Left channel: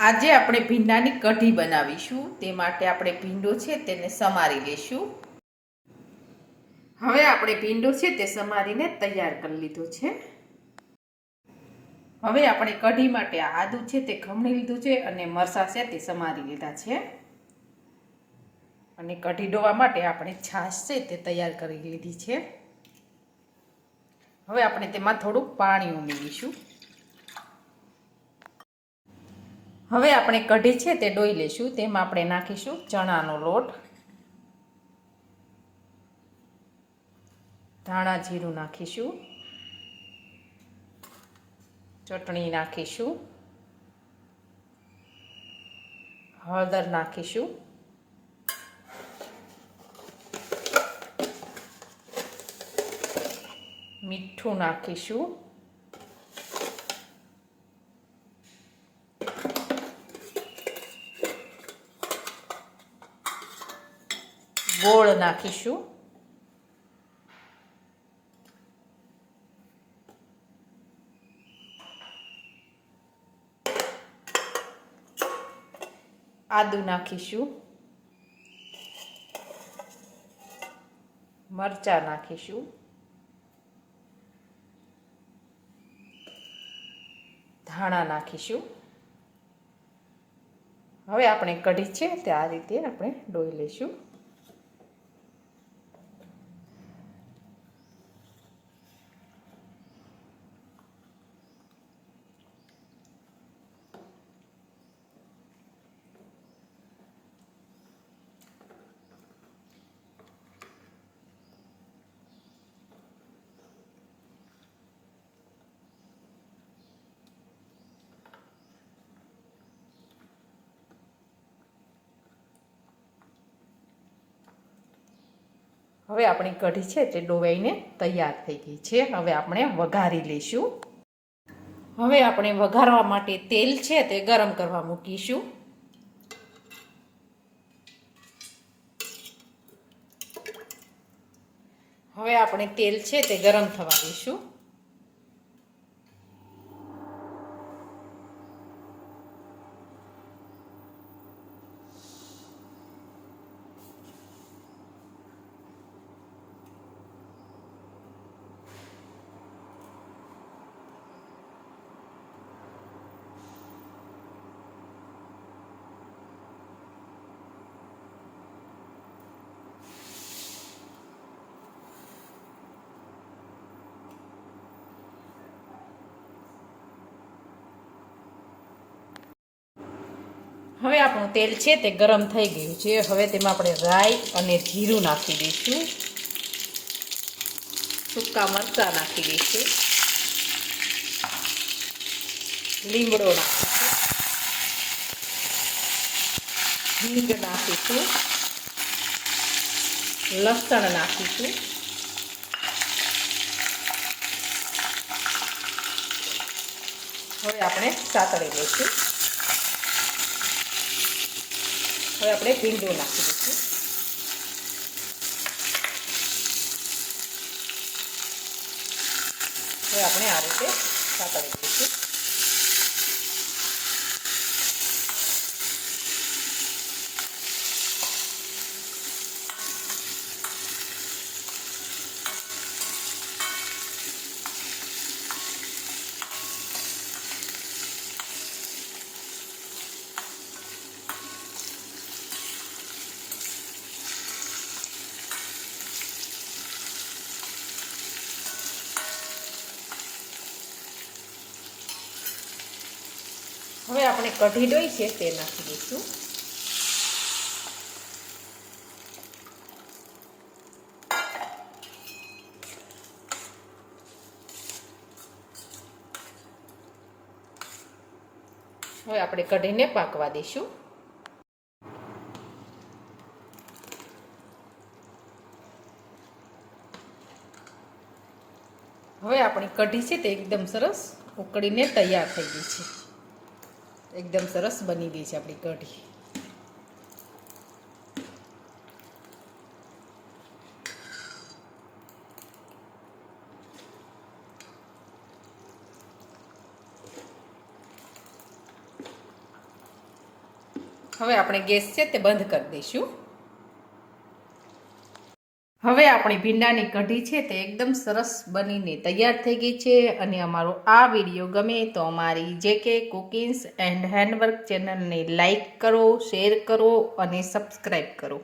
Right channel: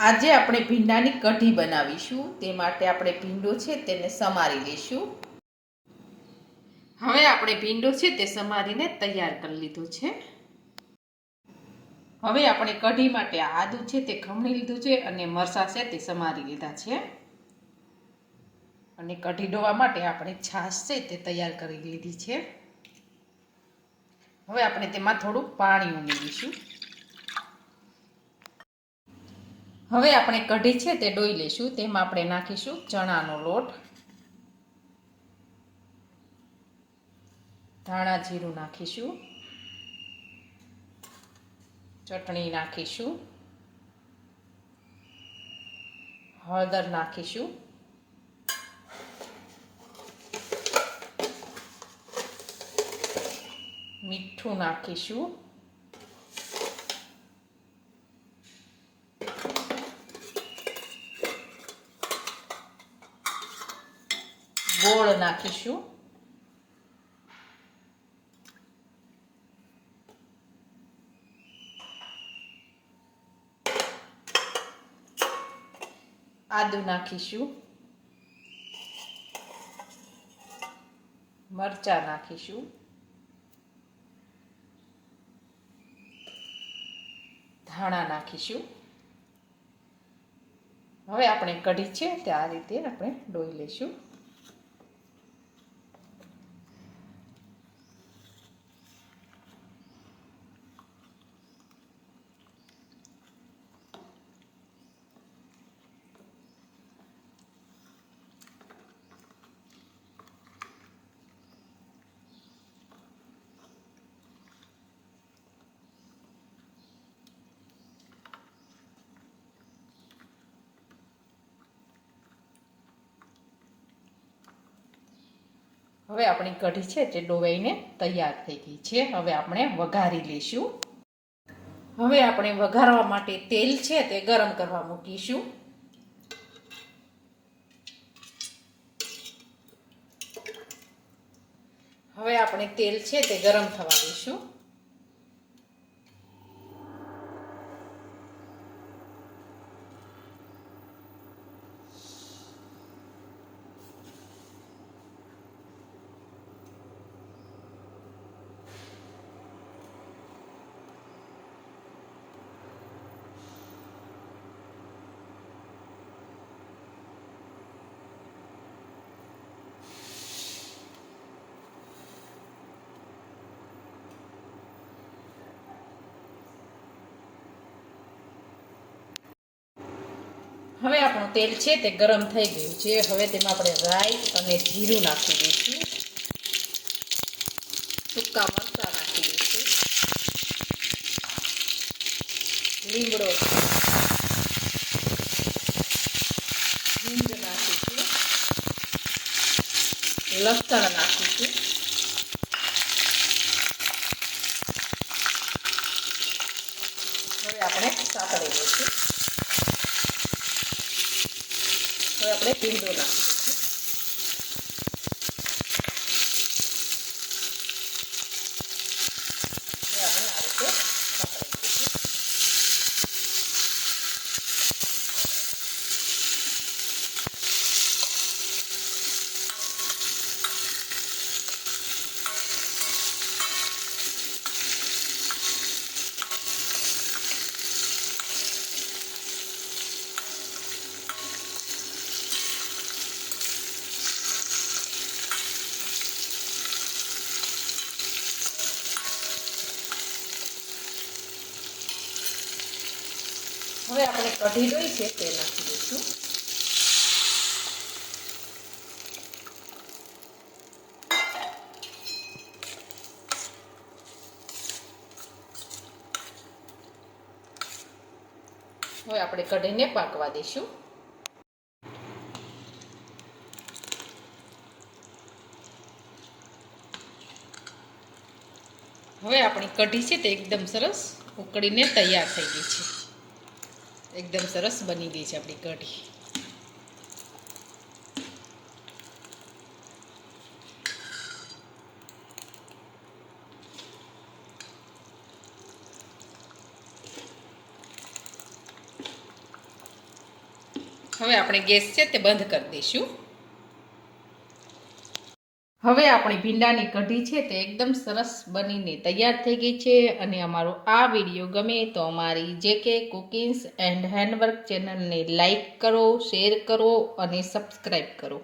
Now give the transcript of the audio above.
આજે આપણે ભીંડાની કઢી બનાવીશું. તે માટે આપણે ભીંડો છે તેને સમારી લઈશું. હવે આપણે ભીંડો છે તે સમારીને તૈયાર કરી લીધો છે. હવે આપણે કઢી માટે આદુ છે તે ખમણી લીધું છે અને મરચાં છે તે સમારી લીધા છે. અને કઢી ડોવા માટે આપણે છાશ છે તે તૈયાર કરી લીધી છે. હવે આપણે તેમાં થોડું પાણી ઉમેરીશું. હવે આપણે કઢી છે તે ડોઈ લઈશું. તેમાં આપણે નાખીશું ચણાનો લોટ, ધાણા જીરું નાખીશું, ચટણી નાખીશું, હળદર નાખીશું, મીઠું નાખીશું, ગોળ નાખીશું, આદુ નાખીશું, મરચાં નાખીશું, ધાણા નાખીશું. હવે આપણે કઢી છે તે આ રીતે આપણે ડોઈ લઈશું. હવે આપણી કઢી છે તે ડોવાઈને તૈયાર થઈ ગઈ છે. હવે આપણે વઘારી લઈશું. હવે આપણે વઘારવા માટે તેલ છે તે ગરમ કરવા મૂકીશું. હવે આપણે તેલ છે તે ગરમ થવા દઈશું. હવે આપણું તેલ છે તે ગરમ થઈ ગયું છે. હવે તેમાં આપણે રાઈ અને જીરું નાખી દઈશું. સૂકા મરચાં નાખી દઈશું. લીમડો નાખીશું, હિંગ નાખીશું, લસણ નાખીશું, હવે આપણે સાતળી લઈશું. હવે આપણે ભીંડો નાખી દઈશું. હવે આપણે આ રીતે સાતળી દઈશું. હવે આપણે કઢી ડોઈ છે તે નાખી દઈશું. હવે આપણે કઢીને પાકવા દઈશું. હવે આપણી કઢી છે તે એકદમ સરસ ઉકળીને તૈયાર થઈ ગઈ છે. એકદમ સરસ બની ગઈ છે આપણી કઢી. હવે આપણે ગેસ છે તે બંધ કરી દઈશું. હવે આપણી ભીંડાની કઢી છે તે એકદમ સરસ બનીને તૈયાર થઈ ગઈ છે. અને અમારો આ વિડીયો ગમે તો અમારી JK કુકિંગ્સ એન્ડ હેન્ડવર્ક ચેનલને લાઈક કરો, શેર કરો અને સબસ્ક્રાઈબ કરો.